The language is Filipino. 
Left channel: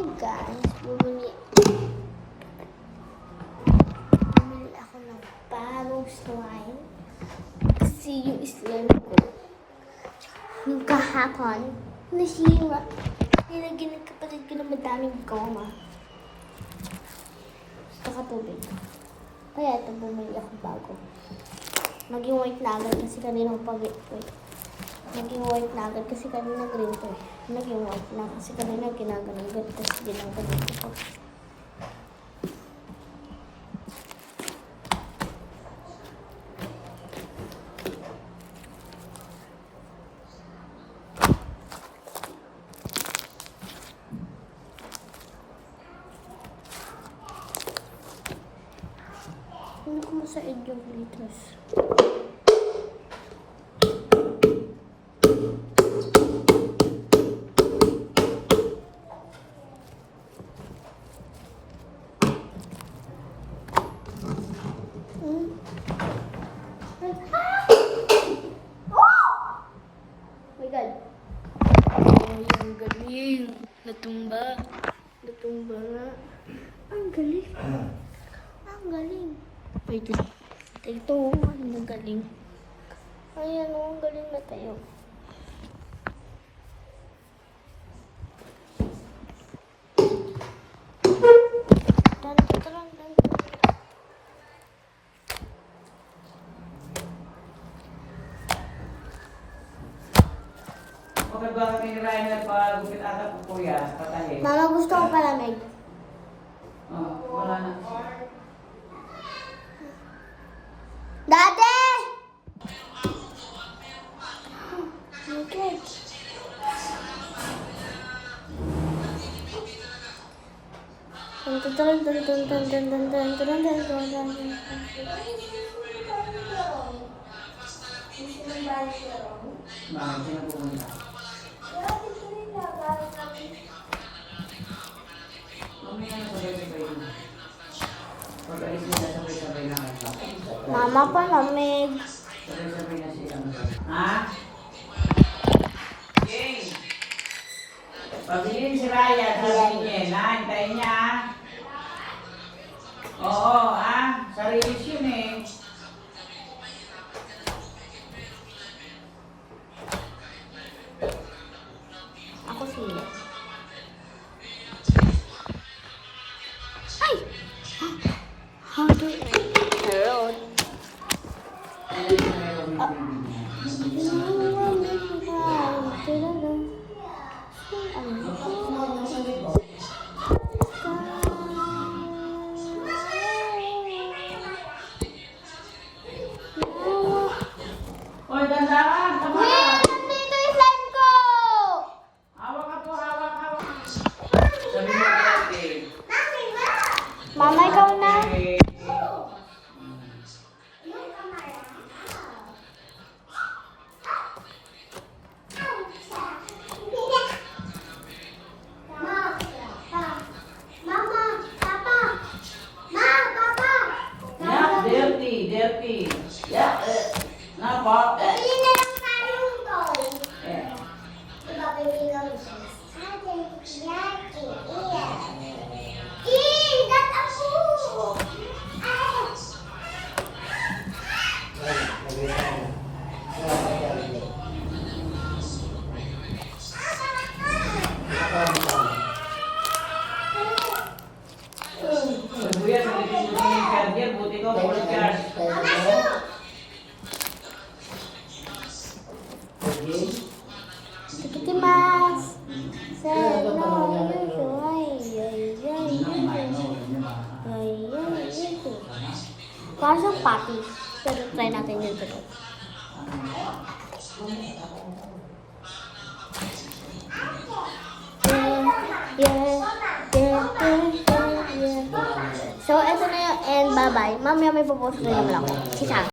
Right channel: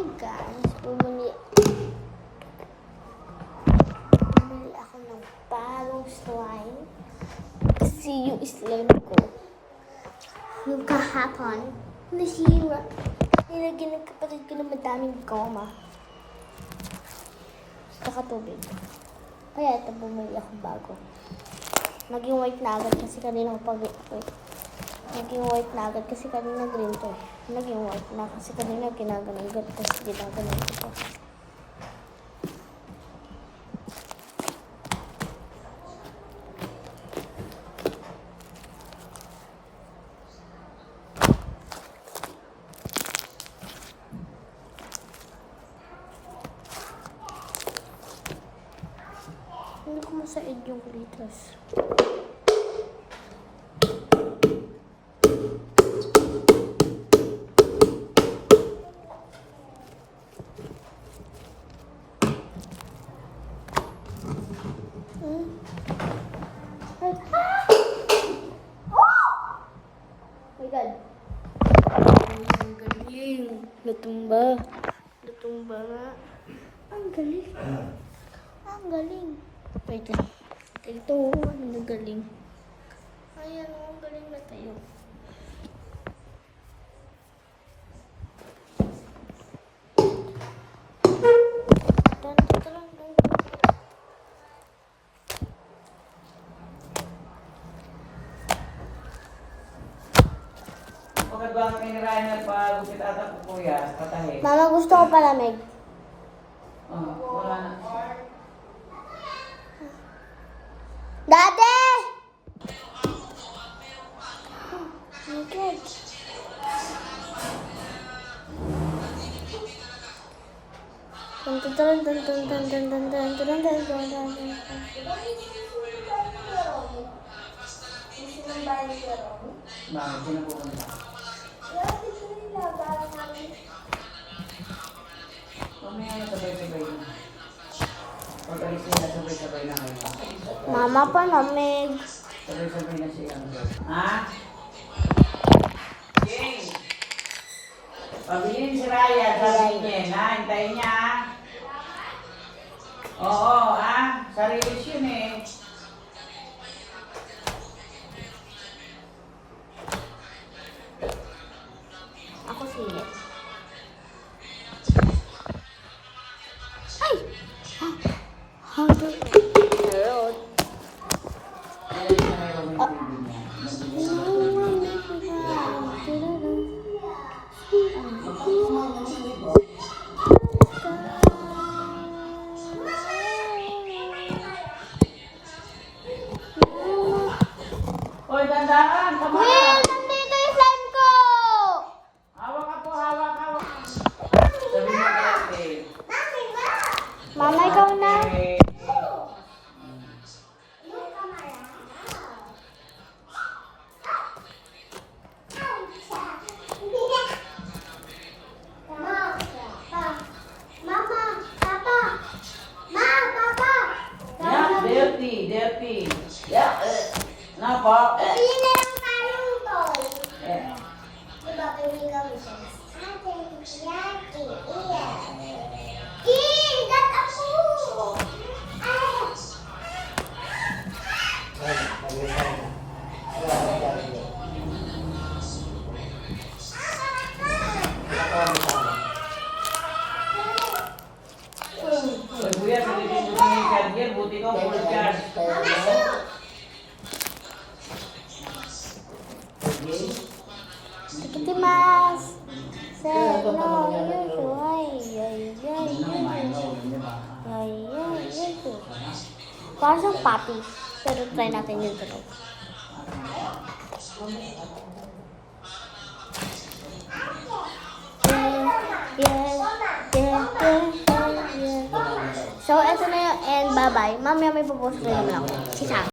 Hi guys, bumili ako ng bagong slime. Kasi yung slime ko, yung kahapon, nasira. Nilagyan ng kapatid ko ng madaming goma. Saka tubig. Kaya ito bumili ako bago. Naging white na agad kasi kanina Naging white na agad kasi kanina green to. Naging white na kasi kanina ginaganon ko. Tapos ginaganon ko po. Hindi ko masaid yung glitters. Ang galing. Natumba. Ang galing. Ang galing. Wait lang. Ito, ang galing. Ayan, ang galing na tayo. Bakit ba kinirahin na pag-gupit ata po kuya? Patahin. Mama, gusto ko palamig. Oo, wala na. Dade! Okay. Bakit pinapupunta? Mamaya na sabay-sabay na. Pag-alis nila sabay-sabay na nga. Mama, palamig. Sabay-sabay na siya. Ha? King! Pabilin si Raya sa linya. Hintayin niya ha? Oo ha? Sarili yun eh. Ako sila. Ay! How do Hello? Hoy, dandahan! Hey, nandito yung slime ko! Hawak ka po, hawak. Sabi mo ate. Mama, ikaw na. Yeah, dirty. Yeah. Napa? Yeah. Kuya, sa titin ko ng charger, buti ko mag-charge. Ikitimasu. Parang siyang patties. Pero try natin yung tunog. So, eto na yung end. Bye-bye. Mamaya may pupost rin naman ako. Sisa.